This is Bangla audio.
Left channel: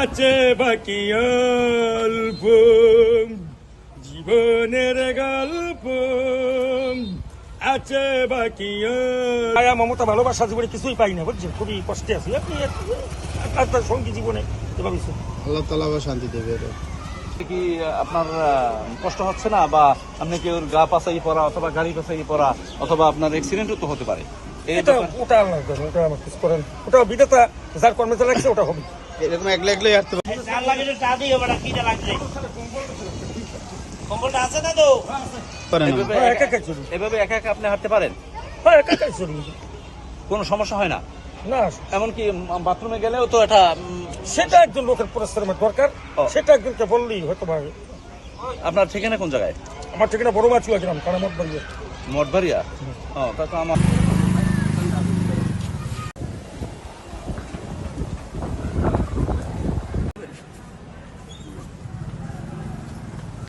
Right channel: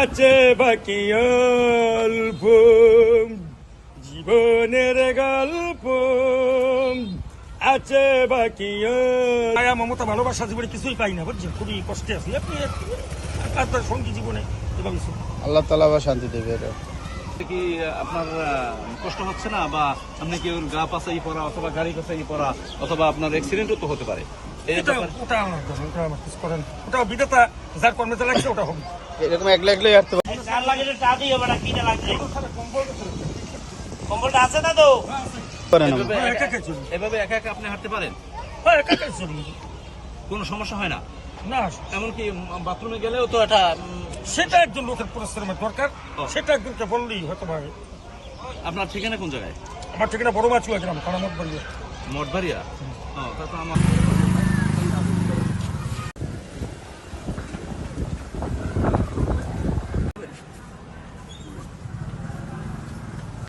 আছে বাকি অল্প জীবনের গল্প আছে বাকি মায়া মমতা ভালোবাসা জীবনে কিছুই পাই না বুঝছেন, খুবই কষ্টে আছি। আপনি আপনার সঙ্গী জীবনে এভাবে আল্লাহ তাআলা আবার শান্তি দেবে। এটা কি আপনার কষ্ট হচ্ছে না, বা আপনি কি ওর গা পাশাই পড়া অথবা গাড়ি পাশাই পড়া অথবা আপনার অ্যাক্সিডেন্টও তো হতে পারে? ওটা আল্লাহ ওটা আমার কিছু করেন, ওটা বিধাতা যার কর্মে যা লাগছে ওটা হবে। এরকম একলা একলাই হাঁটতে পারে। কম্বলটা আছে না তো? একা একা চলি, এভাবে একা একা আপনি হাঁটতে পারেন? একা একা চলি, কোনো সমস্যা হয় না? না এমনকি বাথরুমে গেলেও তো এটা সেটা একজন লোকের পরিশ্রমের দরকার, সেটা একজনকে বললেই হয়তো পারে। আপনার ঠিকানা কোন জায়গায়? আমার ঠিকানা বড় মাছ গ্রাম, কানামত বাড়ি। মঠবাড়িয়া? ও, তা তো আমার